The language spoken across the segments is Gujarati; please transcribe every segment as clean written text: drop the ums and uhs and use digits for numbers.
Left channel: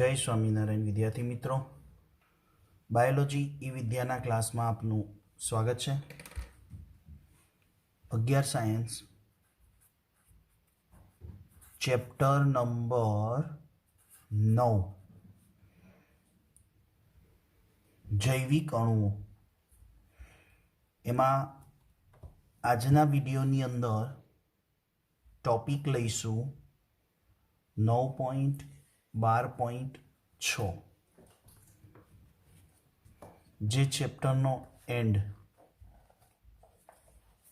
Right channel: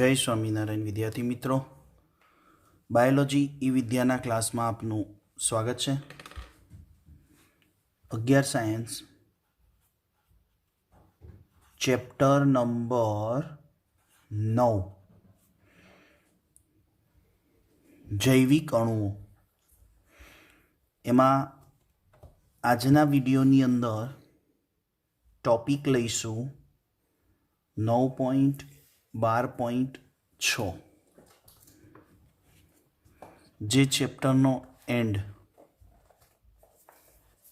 જય સ્વામિનારાયણ વિદ્યાર્થી મિત્રો, બાયોલોજી ઈ વિદ્યાના ક્લાસમાં આપનું સ્વાગત છે। 11 સાયન્સ ચેપ્ટર નંબર 9 જૈવિક અણુઓ। એમાં આજના વિડીયોની અંદર ટોપિક લઈશું 9.12.6 જે ચેપ્ટરનો એન્ડ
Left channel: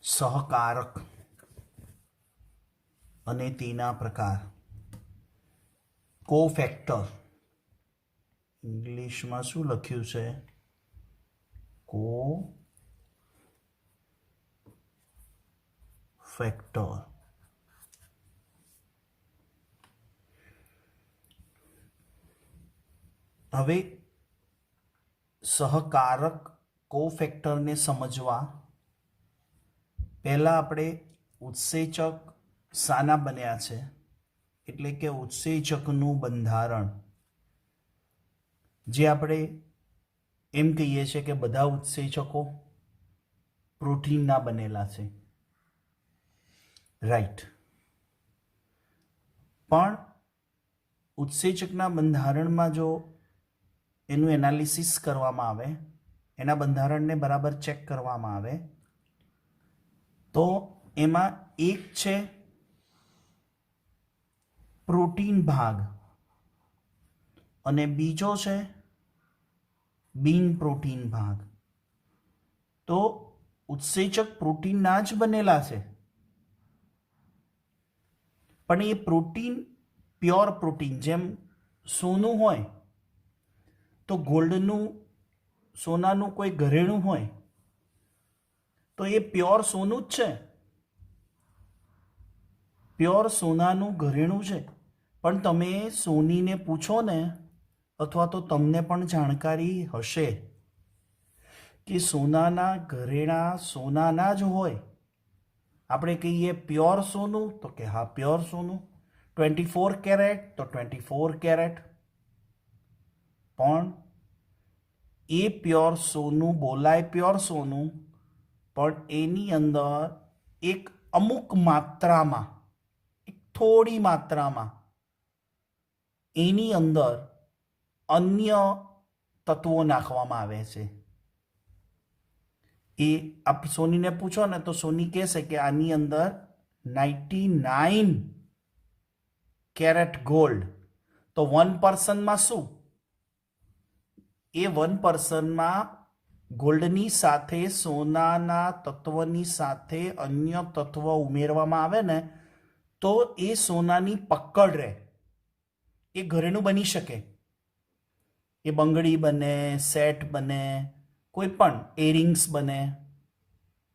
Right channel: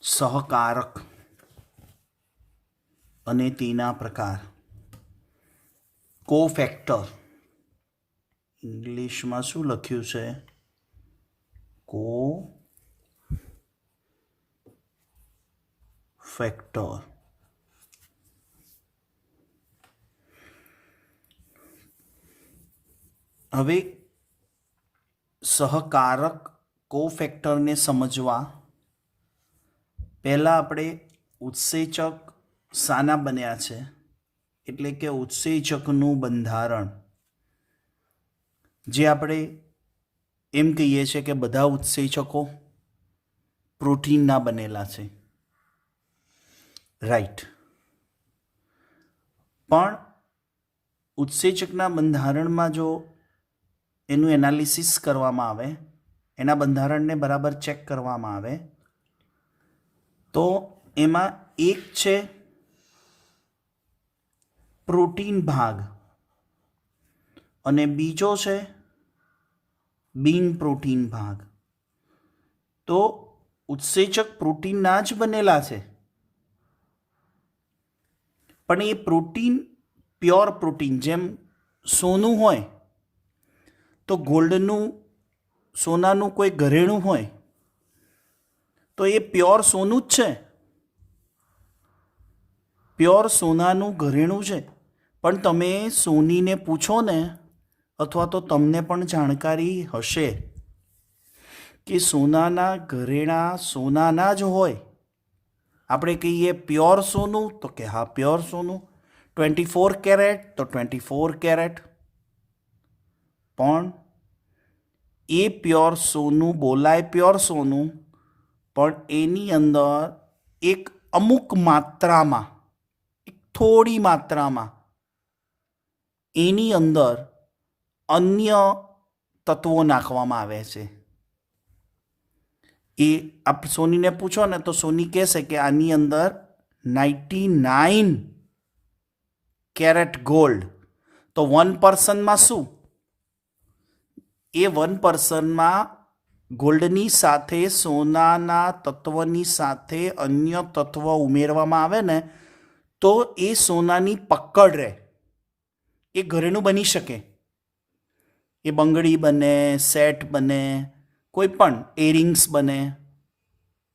સહકારક અને તેના પ્રકાર, કોફેક્ટર, ઇંગ્લિશમાં શું લખ્યું છે? કોફેક્ટર। હવે સહકારક કોફેક્ટરને સમજવા પહેલાં આપણે ઉત્સેચક શાના બન્યા છે એટલે કે ઉત્સેચકનું બંધારણ, જે આપણે એમ કહીએ છીએ કે બધા ઉત્સેચકો પ્રોટીનના બનેલા છે, રાઈટ। પણ ઉત્સેચકના બંધારણમાં જો એનું એનાલિસિસ કરવામાં આવે, એના બંધારણને બરાબર ચેક કરવામાં આવે તો એમાં એક છે પ્રોટીન ભાગ અને બીજો છે બિન પ્રોટીન ભાગ। તો ઉત્સેચક પ્રોટીનના જ બનેલા છે, પણ એ પ્રોટીન પ્યોર પ્રોટીન, જેમ સોનું હોય તો ગોલ્ડનું, સોનાનું કોઈ ઘરેણું હોય તો એ પ્યોર સોનું જ છે, પ્યોર સોનાનું ઘરેણું છે। પણ તમે સોનીને પૂછો ને, અથવા તો તમને પણ જાણકારી હશે કે સોનાના ઘરેણા સોનાના જ હોય, આપણે કહીએ પ્યોર સોનું તો કે હા પ્યોર સોનું, 24 કેરેટ તો 24 કેરેટ, પણ એ પ્યોર સોનું બોલાય પ્યોર સોનું, પણ એની અંદર એક અમુક માત્રામાં, એક થોડી માત્રામાં એની અંદર અન્ય તત્વો નાખવામાં આવે છે। એ આપ સોનીને પૂછો ને તો સોની કહેશે કે આની અંદર 99 કેરેટ ગોલ્ડ, તો 1% શું? એ 1%માં ગોલ્ડની સાથે સોનાના તત્વની સાથે અન્ય તત્વ ઉમેરવામાં આવે ને તો એ સોનાની પકડ રહે, એ ઘરેણું બની શકે, એ બંગડી બને, સેટ બને, કોઈ પણ એરિંગ્સ બને,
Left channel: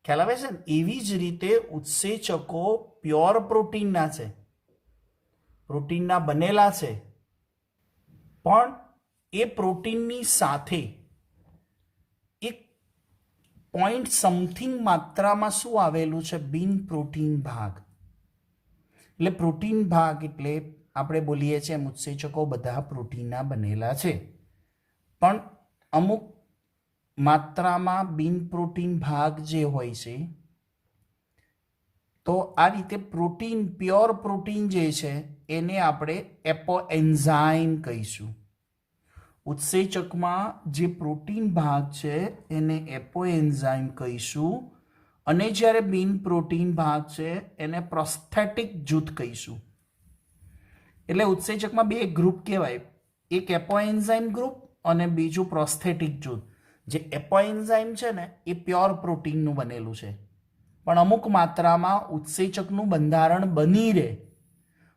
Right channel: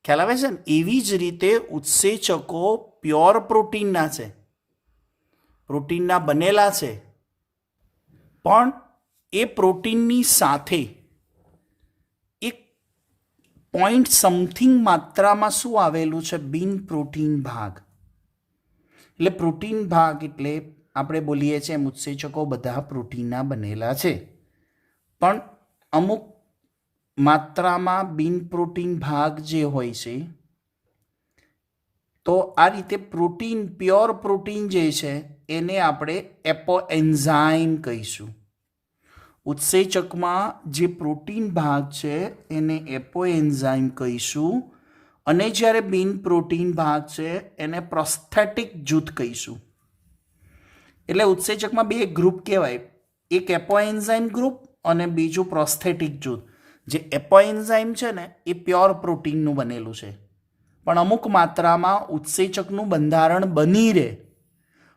ખ્યાલ આવે છે ને? એવી જ રીતે ઉત્સેચકો પ્યોર પ્રોટીનના છે, પ્રોટીનના બનેલા છે, પણ એ પ્રોટીનની સાથે એક પોઈન્ટ સમથિંગ માત્રામાં શું આવેલું છે? બિન પ્રોટીન ભાગ। એટલે પ્રોટીન ભાગ એટલે આપણે બોલીએ છીએ એમ ઉત્સેચકો બધા પ્રોટીનના બનેલા છે, પણ અમુક માત્રામાં બિન પ્રોટીન ભાગ જે હોય છે, તો આ રીતે પ્રોટીન, પ્યોર પ્રોટીન જે છે એને આપણે એપોએન્ઝાઇમ કહીશું। ઉત્સેચકમાં જે પ્રોટીન ભાગ છે એને એપોએન્ઝાઇમ કહીશું, અને જ્યારે બિન પ્રોટીન ભાગ છે એને પ્રોસ્થેટિક જૂથ કહીશું। એટલે ઉત્સેચકમાં બે ગ્રુપ કહેવાય, એક એપોએન્ઝાઇમ ગ્રુપ અને બીજું પ્રોસ્થેટિક જૂથ। જે એપોએન્ઝાઇમ છે ને એ પ્યોર પ્રોટીનનું બનેલું છે, પણ અમુક માત્રામાં ઉત્સેચકનું બંધારણ બની રહે,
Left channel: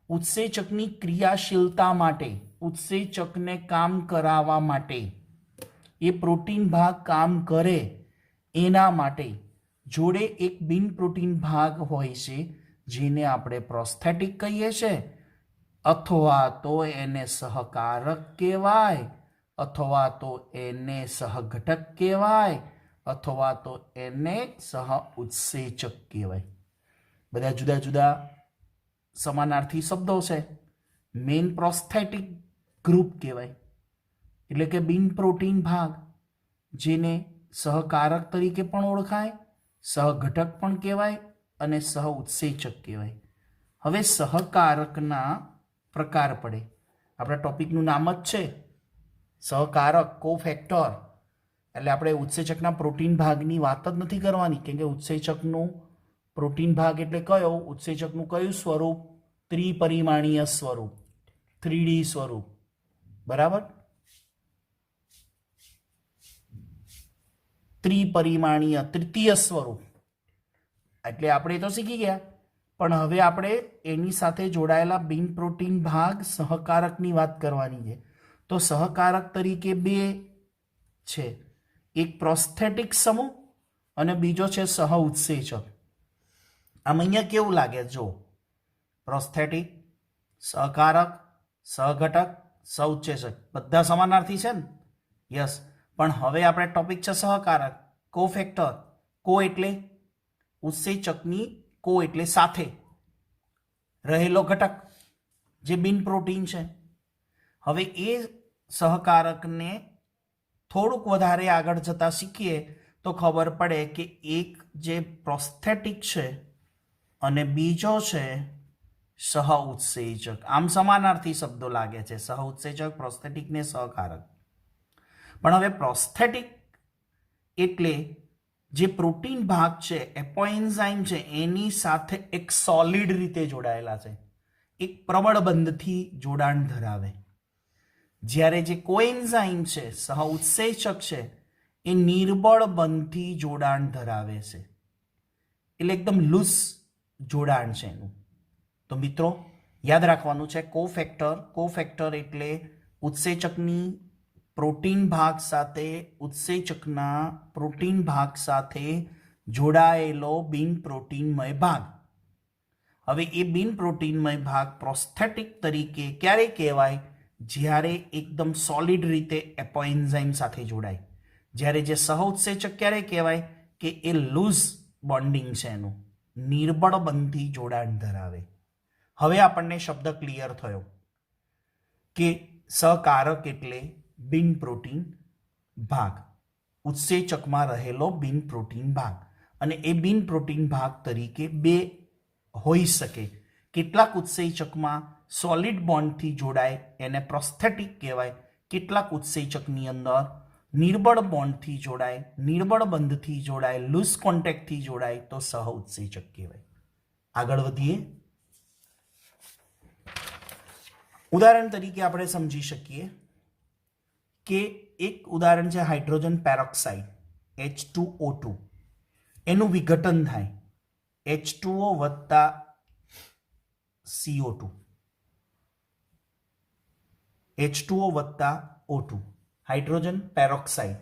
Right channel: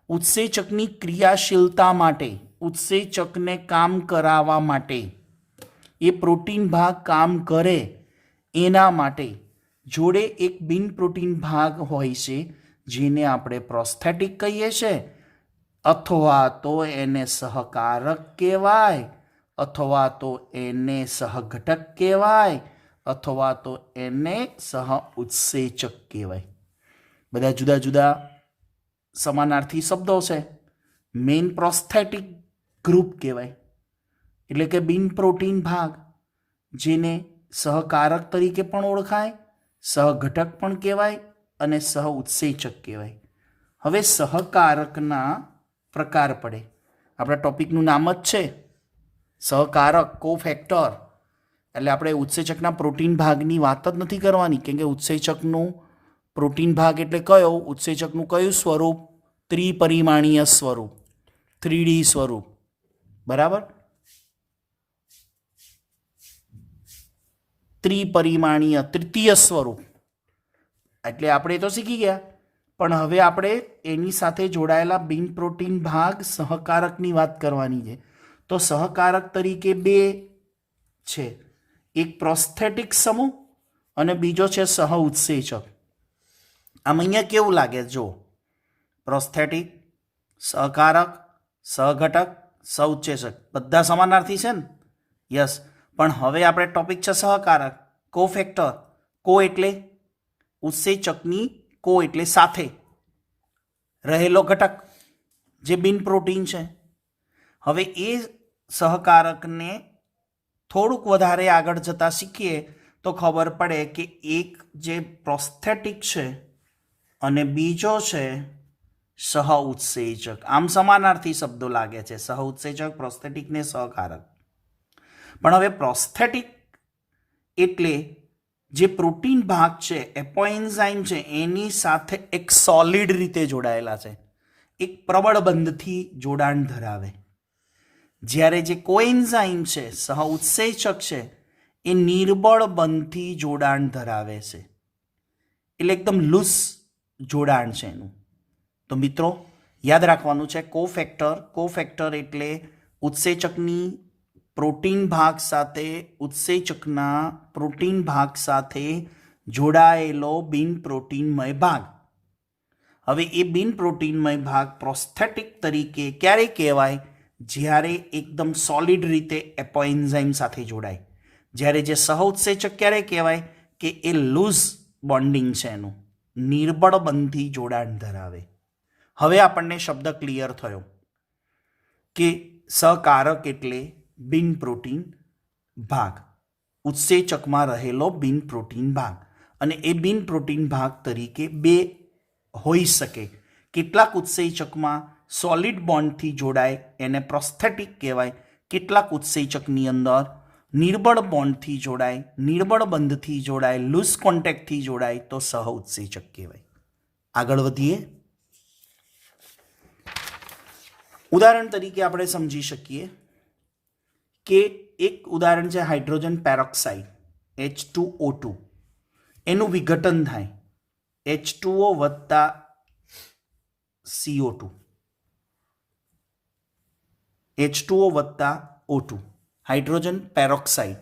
ઉત્સેચકની ક્રિયાશીલતા માટે, ઉત્સેચકને કામ કરાવવા માટે, એ પ્રોટીન ભાગ કામ કરે એના માટે જોડે એક બિન પ્રોટીન ભાગ હોય છે જેને આપણે પ્રોસ્થેટિક કહીએ છીએ, અથવા તો એને સહકારક કહેવાય, અથવા તો એને સહઘટક કહેવાય, અથવા તો એને સહ ઉત્સેચક કહેવાય। બધા જુદા જુદા સમાનાર્થી શબ્દો છે। મેઇન પ્રોસ્થેટિક ગ્રુપ કહેવાય, એટલે કે બિન પ્રોટીન ભાગ, જેને સહકારક તરીકે પણ ઓળખાય, સહઘટક પણ કહેવાય અને સહઉત્સેચક કહેવાય. હવે સહકારકના પ્રકાર પડે. આપણા ટોપિકનું નામ જ છે સહકારક, કોફેક્ટર. એટલે આપણે ઉત્સેચકના પ્રોટીન ભાગની વાત જ નથી કરવાની, કેમ કે ઉત્સેચકનું પ્રોટીન ભાગ એટલે કયો, ઉત્સેચકનું કયું સ્વરૂપ, ત્રિપરિમાણીય સ્વરૂપ, 3D સ્વરૂપ. બરાબર, ત્રિપરિમાણીય તૃતીય સ્વરૂપ. એટલે આપણે તો શીખી ગયા, પણ હવે આપણે એની સાથે જોડાયેલા બિન પ્રોટીન ભાગ સહકારકની વાત કરવાની છે. તો સહકારક તરીકે બે છે, એક પ્રોસ્થેટિક સમૂહ અને બીજો છે સહઉત્સેચક. આમ અહીંયા કેવું લાગે, જો પ્રોસ્થેટિક, સહકારક, સહઘટક, સહઉત્સેચક બધા સમાનાર્થી છે ને? યસ. પણ હવે આપણે ટોપિક છે સહકારક, કોફેક્ટર. કો એટલે ઉત્સેચકની, કો એટલે સાથે રહેલો ઘટક, જે બિન પ્રોટીન છે. હવે એ સહકારકને થોડુંક વધારે આગળ જતાં શીખીએ તો ખબર પડે કે એક જે પ્રોસ્થેટિક છે અને બીજો છે સહઉત્સેચક. આમ સમાનાર્થી શબ્દો લાગે છે, સહઉત્સેચક, પ્રોસ્થેટિક ને સહકારક. પણ હવે પ્રોસ્થેટિક એટલે જે પ્રોટીન ભાગ છે, એપોએન્ઝાઇમ છે, એની સાથે એક સોલિડ રીતે જોડાયેલા છે, એક પ્રબળ બંધથી જોડાણ ધરાવે. જ્યારે જે કોએન્ઝાઇમ છે, સહઉત્સેચક છે, એ નિર્બળ બંધથી જોડાણ ધરાવે છે, એટલે એકદમ લૂઝ જોડાણ છે એનું. તો મિત્રો યાદ રાખવાનું છે કોફેક્ટર. કોફેક્ટર એટલે ઉત્સેચકની પ્રોટીન ભાગ સાથે ઉત્સેચકના પ્રોટીન ભાગ સાથે જોડાયેલો બિન પ્રોટીનમય ભાગ. હવે એ બિન પ્રોટીનમય ભાગ પ્રોસ્થેટિક તરીકે ક્યારે કહેવાય, જ્યારે એકદમ સોલિડ રીતે એપોએન્ઝાઇમ સાથે જોડાય. જ્યારે જે સહઉત્સેચક ક્યારે કહેવાય કે એ લૂઝ બોન્ડિંગ છે એનું, નિર્બળ બંધથી જોડાણ ધરાવે. હવે આપણને શબ્દ ક્લિયર થયો કે સહકારક એટલે બિન પ્રોટીન ભાગ, ઉત્સેચકમાં રહેલો બિન પ્રોટીન ભાગ. અને એ બિન પ્રોટીન ભાગ તરીકે બે હોઈ શકે. કેટલાક ઉત્સેચકમાં સોલિડ બોન્ડથી જોડાય એને પ્રોસ્થેટિક કહેવાય, કેટલાક ઉત્સેચકની અંદર નિર્બળ બોન્ડથી જોડાય, નિર્બળ બંધથી જોડાય, લૂઝ કોન્ટેક્ટથી જોડાય તો સહઉત્સેચક કહેવાય. આગળ વધીએ. ઉદાહરણ તરીકે આપણે સમજી શકીએ કે એક ઉદાહરણ છે હાઇડ્રોજન પેરોક્સાઇડ, H2O2. એનું વિઘટન થાય H2O વત્તા CO2, H2O વત્તા O2, હાઇડ્રોજન પેરોક્સાઇડ.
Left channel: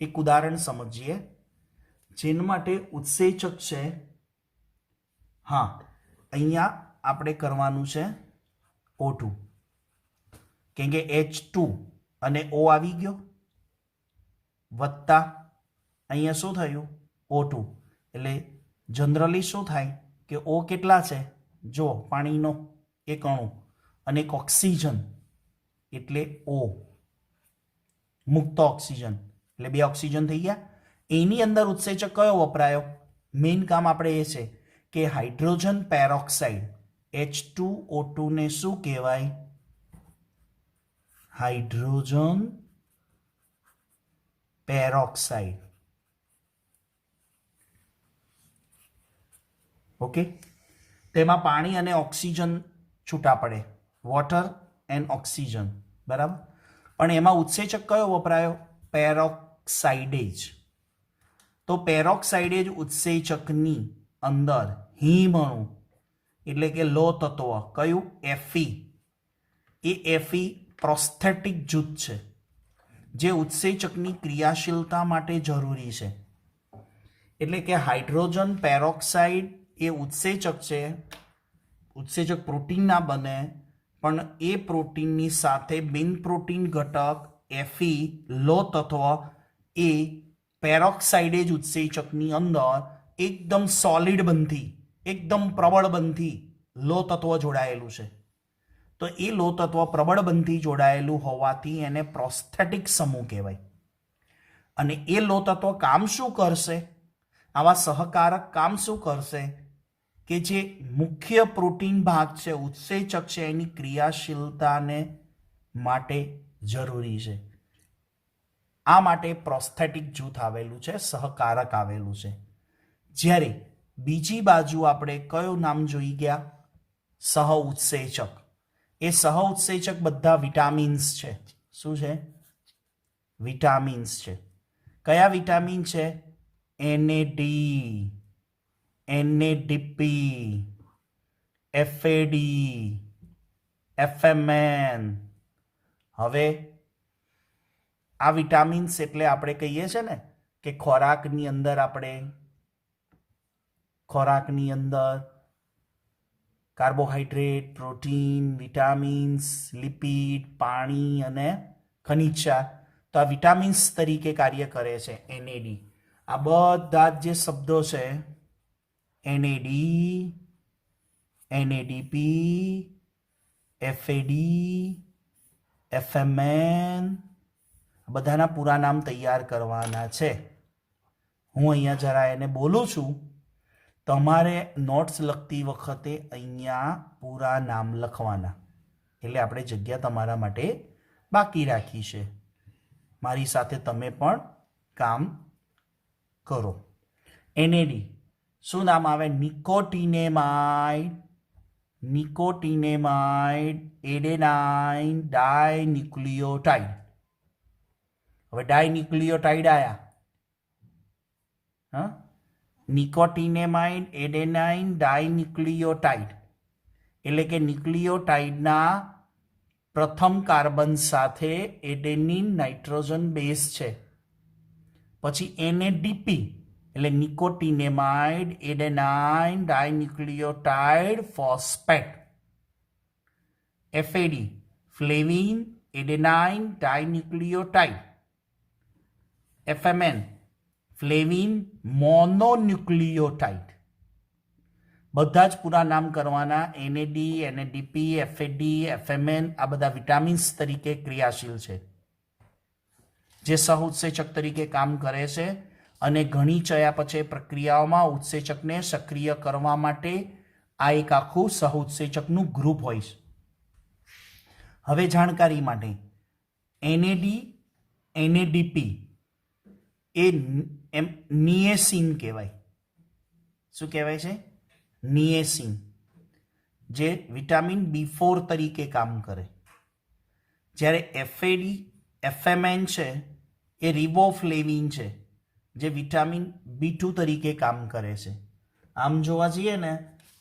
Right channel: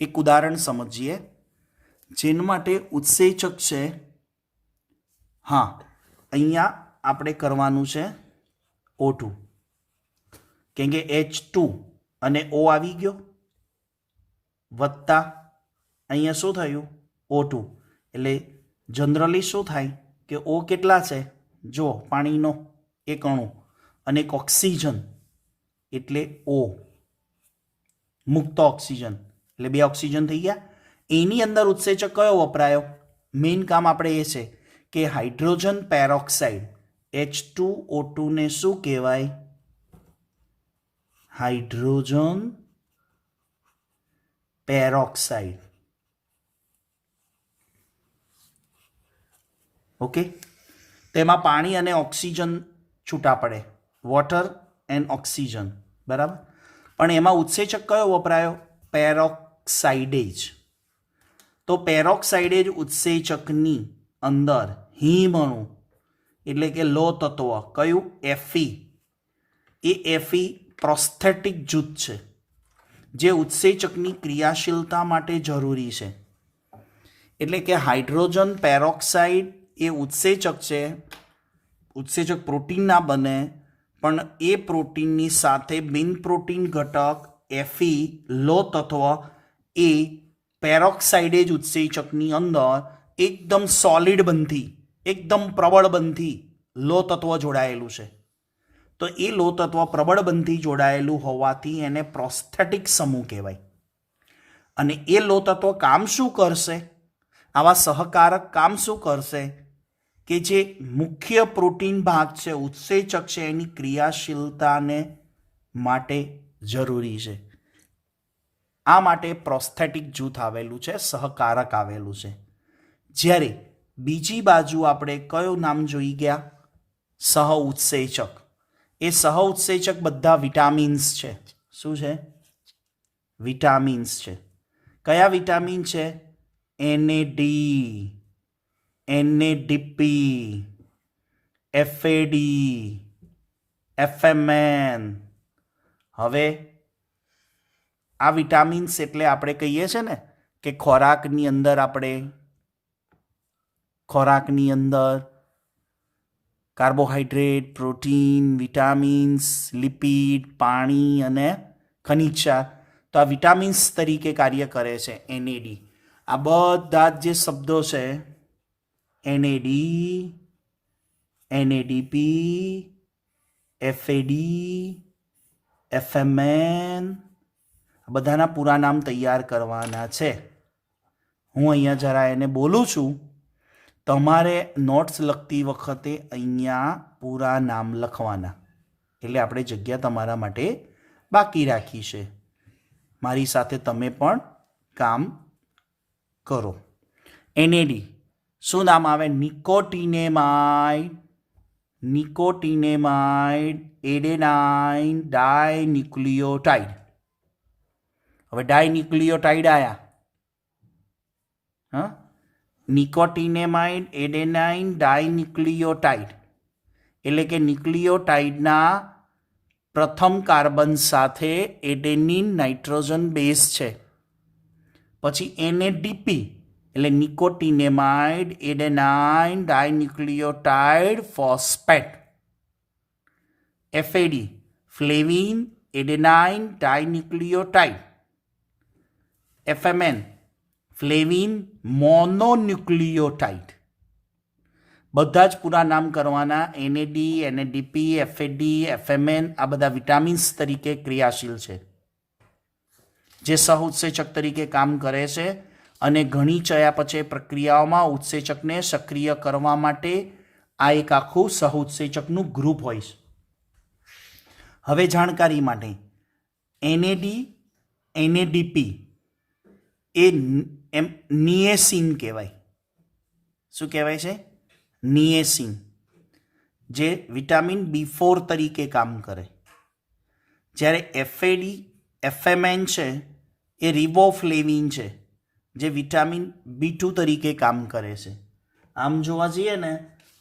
એક ઉદાહરણ સમજીએ જેના માટે ઉત્સેચક છે. હા, અહીંયા આપણે કરવાનું છે O2, કેમ કે H2 અને O આવી ગયો વત્તા અહીંયા શું થયું O2. એટલે જનરલી શું થાય કે O કેટલા છે, જો પાણીનો એક અણુ અને એક ઓક્સિજન એટલે O, મુક્ત ઓક્સિજન એટલે બે ઓક્સિજન થઈ ગયા. એની અંદર ઉત્સેચક કયો વપરાયો, મેઇન કામ આપણે એ છે કે હાઇડ્રોજન પેરોક્સાઇડ H2O2 ને શું કહેવાય, હાઇડ્રોજન પેરોક્સાઇડ. ઓકે, તેમાં પાણી અને ઓક્સિજન છૂટા પડે, વોટર એન્ડ ઓક્સિજન. બરાબર, પણ એમાં ઉત્સેચક કયો વપરાયો, પેરોક્સાઇડેજ. તો પેરોક્સાઇડેજ ઉત્સેચકની અંદર હિમ અણુ એટલે કે લો તત્વ કયું, Fe. એ Fe પ્રોસ્થેટિક જૂથ છે જે ઉત્સેચકની ક્રિયાશીલતા માટે જરૂરી છે. એટલે કે હાઇડ્રોજન પેરોક્સાઇડ એ ઉત્સેચક છે. ઉત્સેચક પ્રોટીન ના બને, પણ એ પ્રોટીનની સાથે બિન પ્રોટીન ઘટક Fe લો તત્વ એ પેરોક્સાઇડેજ ઉત્સેચકની અંદર એકદમ સોલિડ બંધી, એકદમ પ્રબળ બંધી લો તત્વ જોડાયેલું છે. તો એ લોહ તત્વ પ્રબળ બંધથી જોડાયેલું હોવાથી એને પ્રોસ્થેટિક સમૂહ કહેવાય. અને એ લોહ તત્વ કામ શું કરશે? આવા સહકારક કામ શું કરશે કે જે મુખ્ય પ્રોટીન ભાગ છે, ઉત્સેચક છે, એની ક્રિયાશીલતાને માટે જરૂરી છે. આ માટે પ્રોસ્થેટિક જૂથ આવેલું છે, સહકારક આવેલું છે. જ્યારે બીજી બાજુ આપણે કયું નામ જોઈ ગયા? સહ ઉત્સેચક. એ સહ ઉત્સેચક બધા વિટામિન્સ છે. શું છે? વિટામિન્સ છે. કયા વિટામિન છે? NAD, NADP, FAD, FMN. હવે આ વિટામિન્સ એટલે આપણે કહીએ છીએ ને કે ખોરાકની અંદર કાર્બોહાઈડ્રેટ, પ્રોટીન, વિટામિન્સ, લિપિડ, પાણી અને ખનિજ ક્ષાર, તો આ વિટામિન્સ તરીકે કાર્ય કરે છે. NAD, આ બધા જે શબ્દો છે, NAD, NADP, FAD, FMN, બધાના પૂરા નામ તૈયાર કરવાના છે. હું અહીંયા જરા એને બોલું છું. તમારે નોટ્સ લખતી વખતે અહીંયા પૂરા નામ લખવાના, એટલે આપણે જગ્યા તમારા માટે બાકી રાખી છે. મારી સાથે તમે પણ કામ કરો. NAD શું નામ આવે? નિકોટિનેમાઇડ, એડેનાઇન ડાયન્યુક્લિયોટાઇડ. હવે ડાયન્યુક્લિયોટાઇડ આયા. હા, નિકોટિનેમાઇડ, એડેનાઇન ડાયન્યુક્લિયોટાઇડ એટલે કે ન્યુક્લિયોટાઇડના પ્રથમ કાર્બન સાથે એડેનિન નાઇટ્રોજન બેઝ છે. પછી NADP એટલે nicotinamide, adenine dinucleotide phosphate. FAD flavin, adenine dinucleotide. FMN flavin mononucleotide. બધા જ પૂરા નામ કરવાના. NAD, NADP, FAD, FMN આ બધા વિટામિન્સ તરીકે ક્રિયાશીલ છે, જે સહઉત્સેચક તરીકે કામ કરે છે. અને ઘણી ચયાપચય પ્રક્રિયાઓમાં ઉત્સેચકને સક્રિય કરવા માટે આ એક આખું સહઉત્સેચકનું ગ્રુપ હોય છે. હવે જાણકારી માટે NAD, NADP એ નિએસિન કહેવાય. શું કહેવાય છે? નિએસિન, જે વિટામિન B4 તરીકે કામ કરે. જ્યારે FAD, FMN છે એ રિબોફ્લેવિન છે, જે વિટામિન B2 તરીકે કામ કરે છે. આમ જોવા જઈએ ને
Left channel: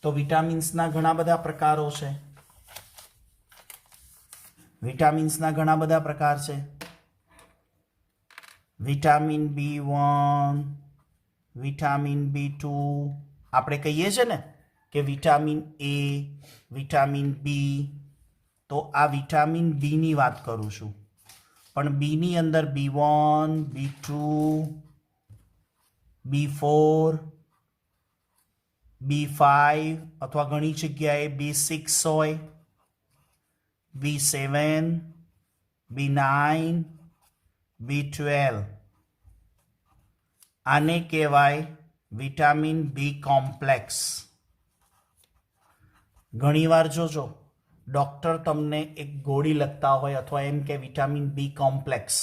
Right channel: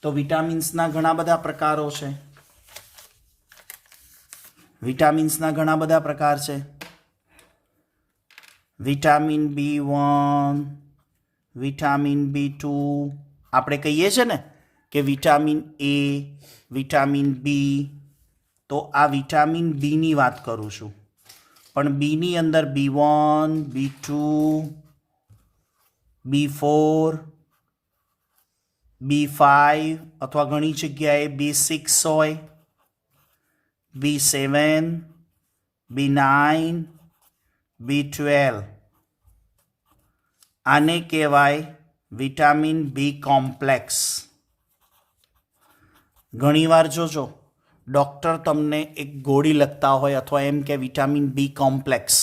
તો વિટામિન્સના ઘણા બધા પ્રકારો છે. વિટામિન B1, વિટામિન B2, આપણે કહીએ છીએ ને કે વિટામિન A, વિટામિન B. તો આ વિટામિન બીની વાત કરું છું, પણ બીની અંદર B1, B2, B4, B5 અથવા ઘણી જગ્યાએ B6 હોય, B7, B9, B12. આને કહેવાય વિટામિન બી કોમ્પ્લેક્સ. ઘણીવાર જોજો ડૉક્ટર તમને એક ગોળી લખતા હોય અથવા એમ કે વિટામિન બી કોમ્પ્લેક્સ,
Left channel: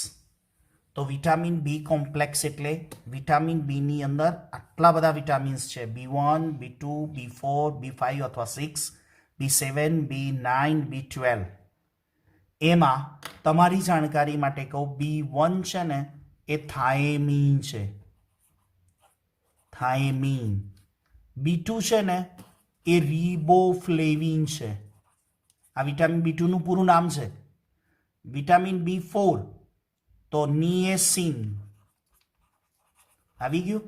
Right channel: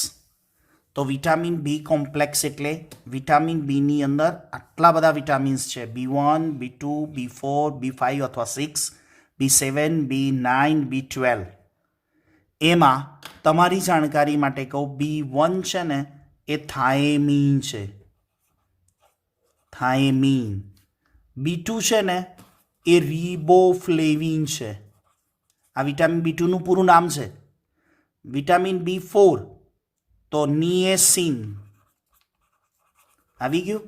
તો વિટામિન બી કોમ્પ્લેક્સ એટલે વિટામિન બીની અંદર આટલા બધા વિટામિન્સ છે. B1, B2, B4, B5 અથવા 6, B7, B9, B12. એમાં તમારી જાણકારી માટે કહું, B1 છે ને એ થાયમીન છે, થાયમીન. B2 છે ને એ રિબોફ્લેવિન છે. આ વિટામિન B2નું પૂરું નામ છે. વિટામિન B4 તો નિએસિન. આવી ગયું?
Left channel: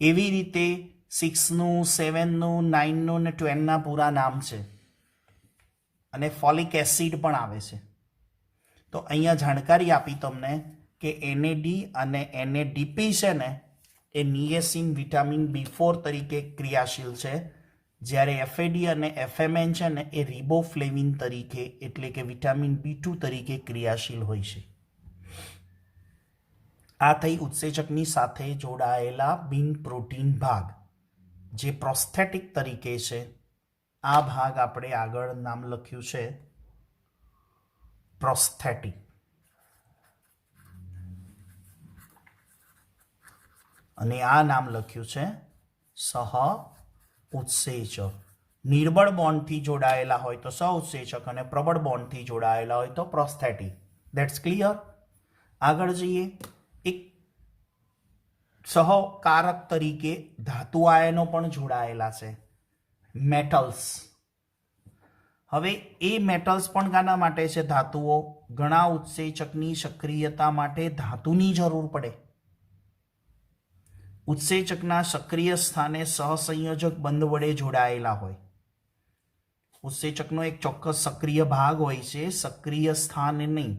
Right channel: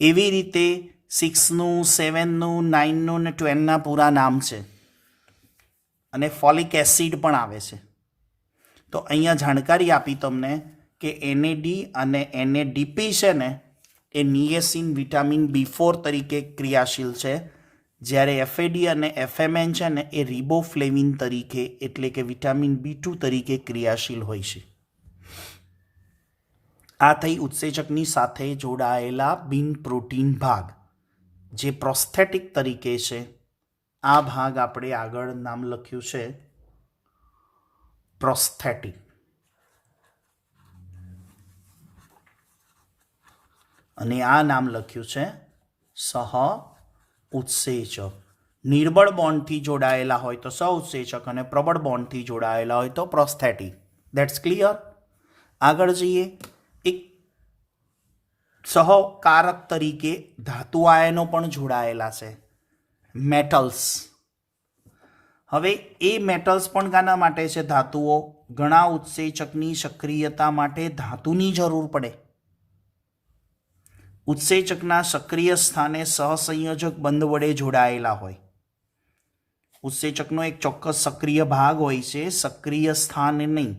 એવી રીતે 6નું, 7નું, 9નું ને 12ના પૂરા નામ છે. અને ફોલિક એસિડ પણ આવે છે. તો અહીંયા જાણકારી આપી તમને કે NAD અને NADP છે ને એ નિએસિન વિટામિન B4 તરીકે ક્રિયાશીલ છે, જ્યારે એફએડી અને એફએમએન છે ને એ રિબોફ્લેવિન તરીકે એટલે કે વિટામિન B2 તરીકે ક્રિયાશીલ હોય છે. આ થઈ ઉત્સેચકની સાથે જોડાયેલા બિન પ્રોટીન ભાગ જે પ્રોસ્થેટિક તરીકે છે. આ ભાગ આપણે આગળ નામ લખ્યું છે પ્રોસ્થેટિક. અને આ નામ લખ્યું છે સહ ઉત્સેચક. નિર્બળ બોન્ડથી જોડાયેલા હોય તો સહ ઉત્સેચક અને પ્રબળ બોન્ડથી જોડાયેલા હોય તો પ્રોસ્થેટિક. That's clear. આગળ જઈએ. એક સહકારક તરીકે ધાતુ આયનો પણ જોડાયેલા છે, મેટલ્સ. હવે એ મેટલ્સ પણ કાના માટે છે? ધાતુઓ. ઘણા ઉત્સેચકની સક્રિયતા માટે ધાતુની જરૂર પડે. ઉત્સેચકના સક્રિય સ્થાને સહસંયોજક બંધ વડે જોડાયેલા હોય. ઉત્સેચકનો એક ચોક્કસ સક્રિય ભાગ હોય છે, સક્રિય સ્થાન નહીં.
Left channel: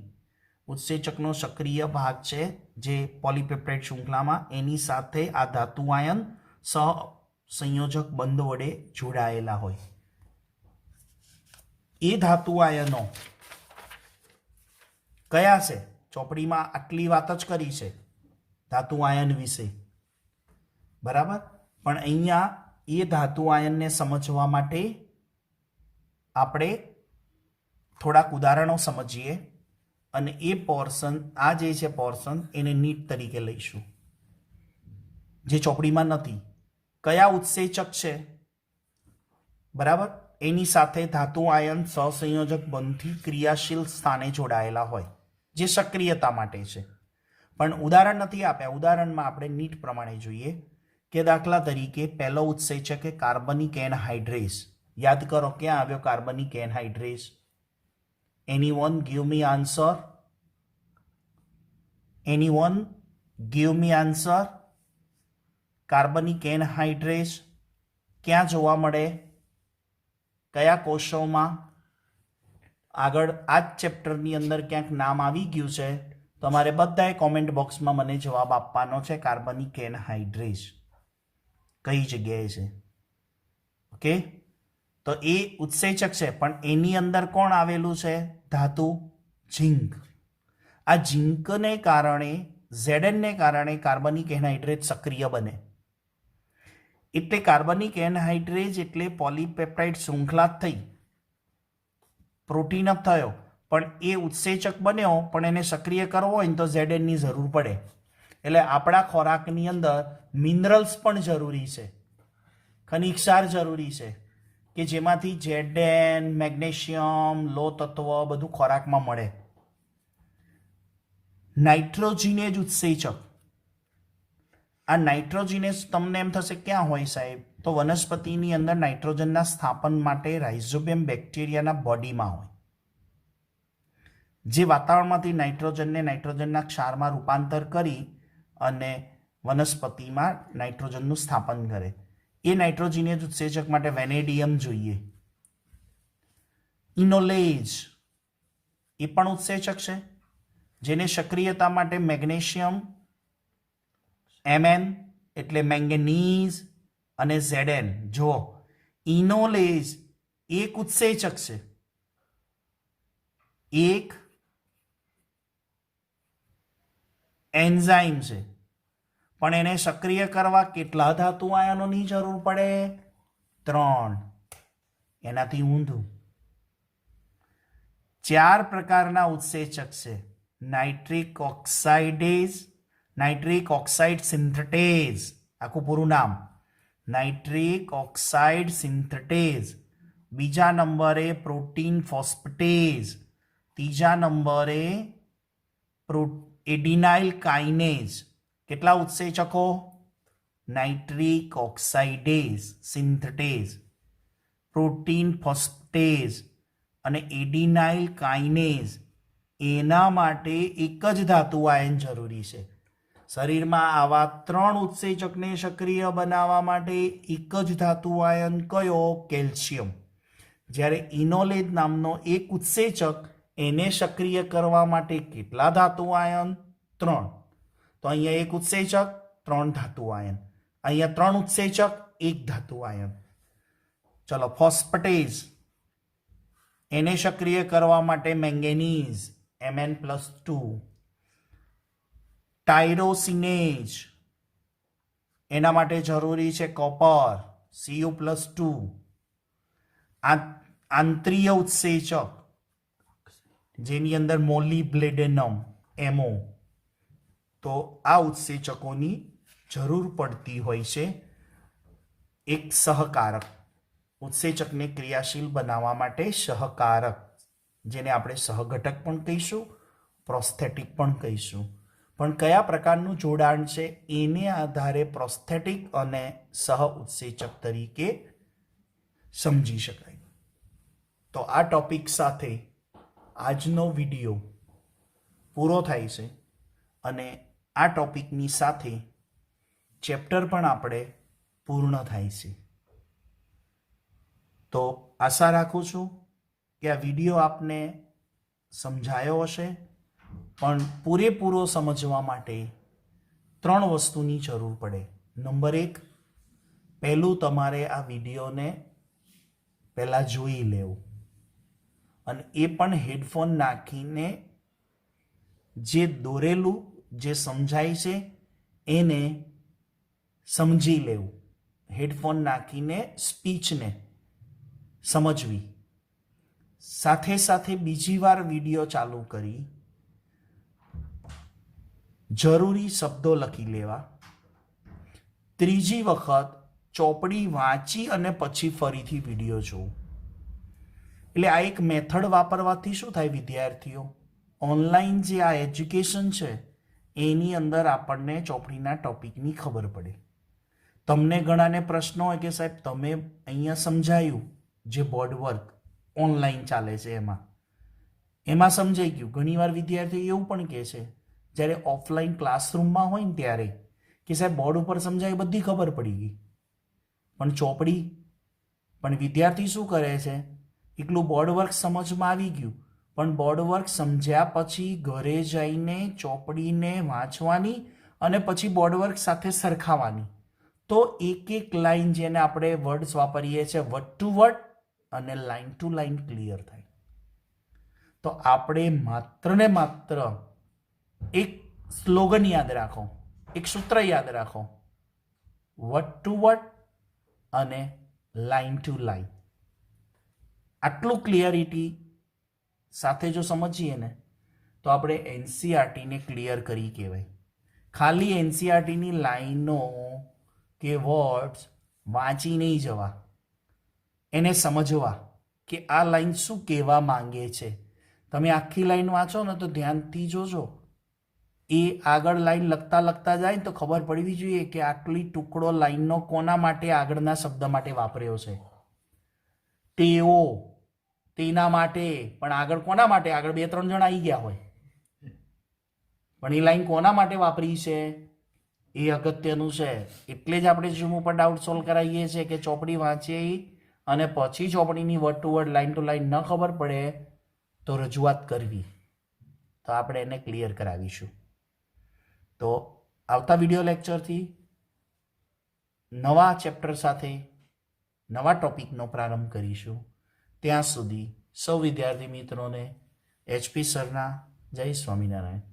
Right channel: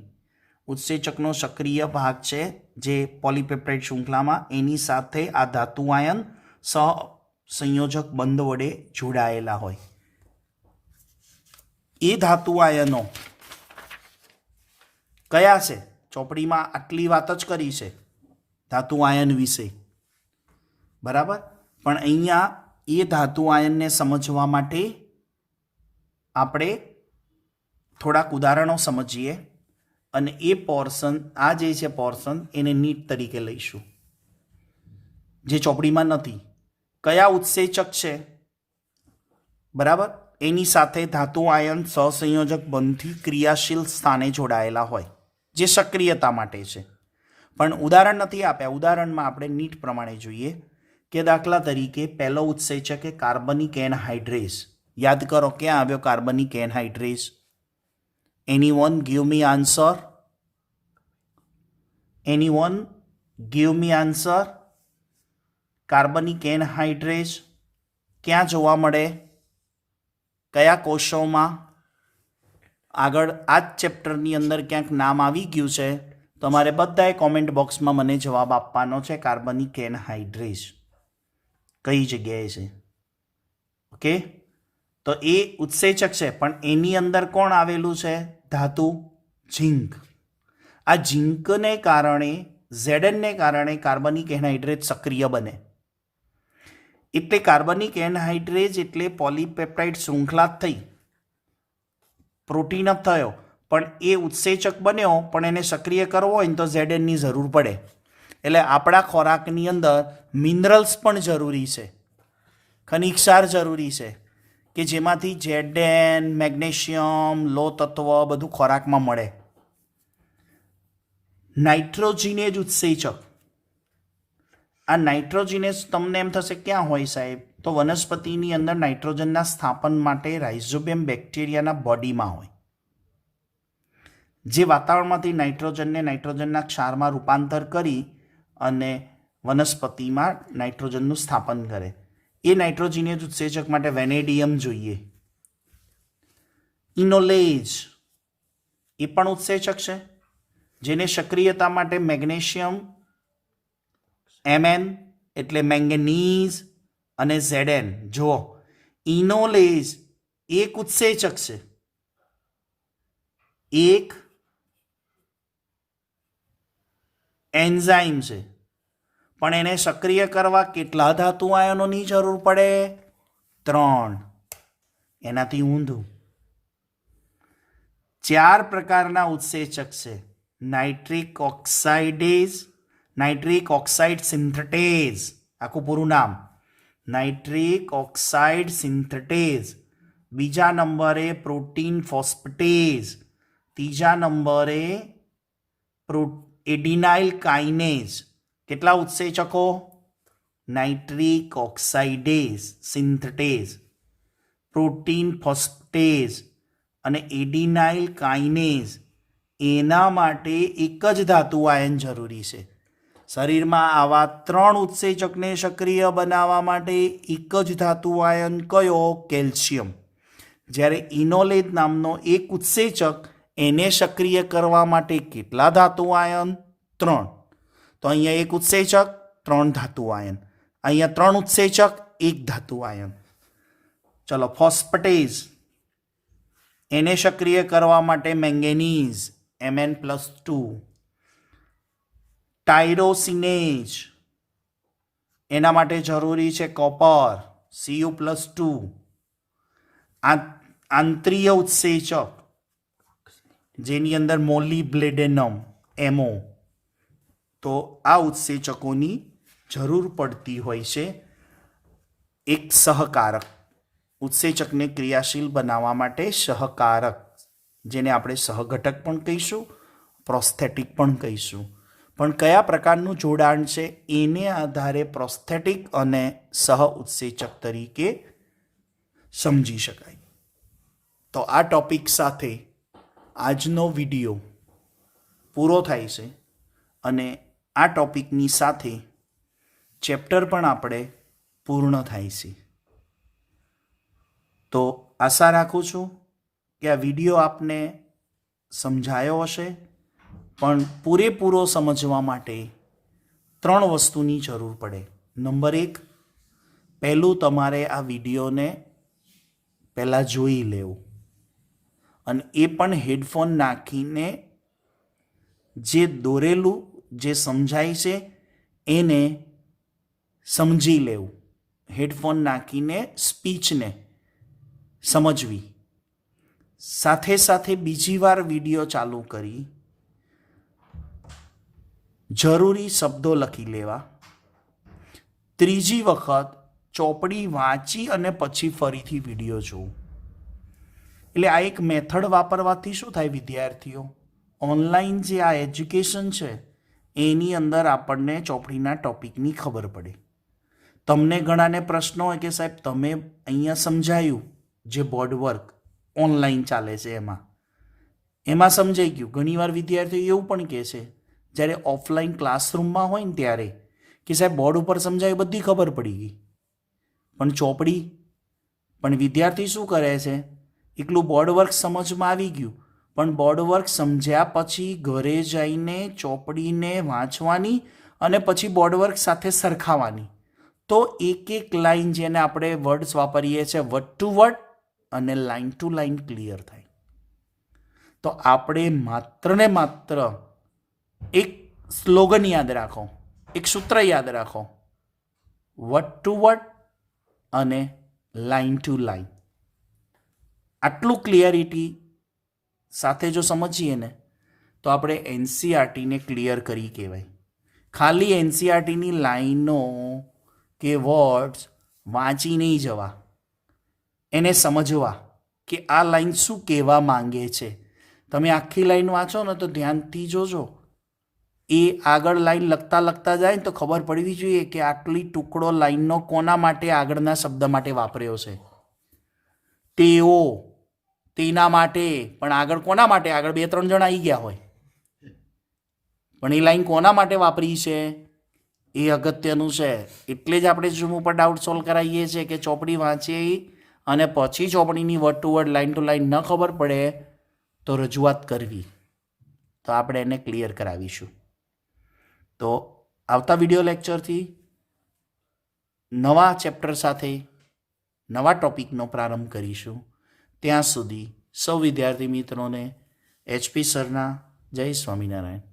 ઉત્સેચકનો સક્રિય ભાગ છે જે પોલીપેપ્ટાઇડ શૃંખલામાં, એની સાથે આ ધાતુ આયન સહસંયોજક બંધ વડે જોડાયેલા હોય. એ ધાતુ આયનો કયા છે? ચોપડીમાં આટલી વાત જ કરી છે ધાતુ આયન વિશે, બરાબર. પણ અહીંયા એ ધાતુ આયનને સમજવા માટે આપણે થોડાક ઉદાહરણો સમજીએ અને એ પોર્શન, આ જે છે પોર્શન, એને નીટ તરીકે લઈશું જે ચોપડીમાં નથી. કયા ઉત્સેચક છે, બરાબર, એની સાથે ધાતુ આયન સહસંયોજક બંધથી ક્રિયાશીલ સ્થાને જોડાયેલા હોય જે સક્રિયતા માટે છે. પણ ઉદાહરણ નથી આપ્યા. ઉદાહરણમાં આપણે નીટ પ્રમાણે જોઈએ કે દાખલા તરીકે પહેલો ઉત્સેચક એ કાર્બનિક એનહાઇડ્રેસ. યાદ કરો ક્યાં આવ્યો carbonic anhydrase? Anyone give me answer. Anyone give me answer. Carbonic anhydrase ક્યાં જોવા મળે? કયા કોષોમાં? આગળ આ જ ચેપ્ટરની અંદર ક્યાંક નામ આવી ગયું છે. તમારે બધાએ કોમેન્ટ બોક્સમાં મને જવાબ આપવાનો છે. કાર્બનિક એનહાઇડ્રેસ કઈ જગ્યાએ છે? ઓકે, તો એ ઉત્સેચક છે, પણ એની અંદર કોણ આવેલું છે? ધાતુ ઝિંક. આ ઝિંકને કારણે, ઝેડનને કારણે કાર્બનિક એનહાઇડ્રેટ સક્રિય બને. એટલે કાર્બનિક એનહાઇડ્રેટ એટલે પોલીપેપ્ટાઇડ શૃંખલા થઈ, પ્રોટીન થયો, પણ એ ઉત્સેચક બન્યો, પણ એને સક્રિય કરવો હોય ને તો ઝેડનની જરૂર પડે. એટલે આપણા ખોરાકની અંદર મિનરલ્સ પણ જરૂરી છે, ખનિજ ક્ષાર જરૂરી છે, કે જેમાંથી ઝેડન, મેગ્નેશિયમ, લો તત્વ બધું ખોરાકમાં મળે. નાઇટ્રોજિનેજ ઉત્સેચક. આ નાઇટ્રોજિનેજ તમને એમ થશે ક્યાં હોય સાહેબ? તો વનસ્પતિની અંદર નાઇટ્રોજનના સ્થાપન માટે રાઇઝોબિયમ બેક્ટેરિયાના બોડીમાં હોય, જે વાતાવરણમાંથી નાઇટ્રોજનને નાઇટ્રોજનના ક્ષારમાં રૂપાંતર કરી અને વનસ્પતિમાં નાઇટ્રોજનનું સ્થાપન કરે. એ નાઇટ્રોજિનેજ ઉત્સેચક માટે વેનેડિયમ જોઈએ. ઇનોલેજ એ પણ ઉત્સેચક છે, જેને સક્રિયતા માટે મેગ્નેશિયમ, Mn એટલે મેંગેનીઝ અને Zn. જુઓ, ઇનોલેજ એક ઉત્સેચક છે, એક એન્ઝાઇમ છે, પણ એને સક્રિય કરવા કેટલા ધાતુ આયનોની જરૂર પડે? 3. એનાથી ઊંધું. 4 પ્રકારના ઉત્સેચક છે. નાઇટ્રિક ઓક્સાઇડેઝ, નાઇટ્રિક ઓક્સાઇડ સિન્થેટેઝ, આખું પૂરું નામ નાઇટ્રિક ઓક્સાઇડ સિન્થેટેઝ. બીજા નંબરે પ્રોટીન ફોસ્ફેટેઝ. ત્રીજા નંબરે એડિનાઇલ કાઇનેઝ. કેટલા ઉત્સેચકો? નાઇટ્રિક ઓક્સાઇડેઝ સિન્થેટેઝ, પ્રોટીન ફોસ્ફેટેઝ અને એડિનાઇલ કાઇનેઝ. એના માટે એક જ ધાતુ આયન જરૂરી છે. શરીરમાં આવા 3 ઉત્સેચકને સક્રિય બનાવવા માટે એક જ ધાતુ આયન કયો? કેલ્શિયમ. જ્યારે ઇનોલેજ નામનો એક ઉત્સેચક, એને સક્રિય કરવા માટે કેટલા ધાતુ આયન? 3. તો અહીંયા એક ઉત્સેચક, 3 ધાતુ આયન. અહીંયા 3 ઉત્સેચક, 1 ધાતુ આયન. ચલો ફોસ્ફેટેઝ, એને સક્રિય કરવા માટે મેંગેનીઝ Mn+2, ટાયરોસિનેઝ એના માટે જરૂરી છે કોપર Cu+2, આંતરીય ઉત્સેચક જેની અંદર મોલિબ્લેડેનમ MO, તો આ ઉત્સેચકોની જરૂર પડતી હોય છે એક સહકારક, ઉત્સેચકને ક્રિયાશીલ બનાવવા માટે સહકારક, જેને આપણે સહઘટક પણ કહીશું, પ્રોસ્થેટિક પણ કહીશું. પણ કયા પ્રકારનું જોડાણ છે એને આધારે પ્રોસ્થેટિક અને સહ ઉત્સેચક તરીકે સમજી શકાય. તો આ ટોપિક સાથે આજનો વિડીયો પૂરો થાય છે અને આ ટોપિકની સાથે ચેપ્ટર પણ આપણે પૂર્ણ થાય છે. તો આશા રાખું છું કે આ વિડીયો આપને સમજાયો હશે, પણ પૂરેપૂરો સમજવા માટે 3 વસ્તુની જરૂર પડે. નંબર 1, પહેલું તમારે આ વિડીયોને પહેલાં જોઈ લેવું અને એ પણ હેડફોન નાખીને જે દોરેલું જે સમજાય છે એને સમજી લેવું, હેડફોન નાખીને સ્પીચને સમજવી. સાથે સાથે બીજી વાર વિડીયો ચાલુ કરી જરૂરી શબ્દો લખી લેવા. ત્રીજી વખત ચોપડી વાંચી અને પછી ફરીથી વિડીયો જોવું. એટલે આ એક મેથડ વાપરવાથી શું થાય વિદ્યાર્થીઓ, ઓનલાઈન જે આ એજ્યુકેશન છે એની અંદર આપણને ચોપડીના ટોપિકની ખબર પડે. તમને ઘણાને પ્રશ્નો હોય કે સાહેબ તમે અહીંયા સમજાયું જે બોર્ડ વર્ક ઓનલાઈન ચાલે છે એમાં સમજાઈ ગયું. ઘણીવાર વિદ્યાર્થીઓ એવું પણ કહે છે જ્યારે ઓફલાઈન ક્લાસરૂમમાં હોય ને ત્યારે કે સાહેબ બોર્ડ ઉપર સમજાયું બધી ખબર પડી ગઈ, પણ ચોપડી, પણ વિદ્યાર્થી શું કરે છે એકલું બોર્ડ વર્ક સમજમાં આવી ગયું, પણ બોર્ડ વર્ક સમજ્યા પછી ઘરે જઈને ચોપડીને વાંચવાની અને પછી બોર્ડ વર્ક સાથે સરખાવવાની. તો એક એક લાઈન જેને આપણે વર્ડ્સ વાપરીએ છીએ વર્ડ ટુ વર્ડ અને લાઈન ટુ લાઈન ક્લિયર થાય. તો આપણે માત્ર ને માત્ર એક સ્લોગન યાદ રાખો, એક સૂત્ર યાદ રાખો, વર્ડ ટુ વર્ડ અને લાઈન ટુ લાઈન. આટલું ક્લિયરિટી સાથે જો સમજીએ ને તો આપણે એનસીઆરટીને ક્લિયર કરી કહેવાય. ખાલી એનસીઆરટીની લાઈનો કે વર્ડ્સ વાંચી નહીં જવા, એને સમજવા કે આ લાઈન શું કહેવા માંગે છે. તમે આખી લાઈન વાંચો ને તો ધ્યાનથી જોજો, એ આગળ લાઈન લખતા લખતા જાય ને તો ખબર પડવી જોઈએ કે આટલી ટુકડો લાઈનનો કોના માટે આગળના શબ્દ માટે વાપર્યો છે. તેઓ, તેના માટે, પણ આગળ કોના માટે, આગળ 2-3 જણ આવી ગયા હોય, પણ એ લાઈન કોના માટે વાપરી છે એ અગત્યનું છે. એટલે જ આપણે ઝૂમ ઉપર ડાઉટ સોલ્વ કરાવીએ છીએ કે ચોપડી વાંચી અને પછી ચોપડીની word to word line to line ન ખબર પડે તો રજૂઆત કરવી, તો આપણે એને ક્લિયર કરાવીશું. તો આવતા વિડીયો લેક્ચરથી નવા ચેપ્ટર સાથે નવા ટોપિકનો પ્રારંભ કરીશું. ત્યાં સુધી સૌ વિદ્યાર્થી મિત્રોને HP સરના જય સ્વામિનારાયણ.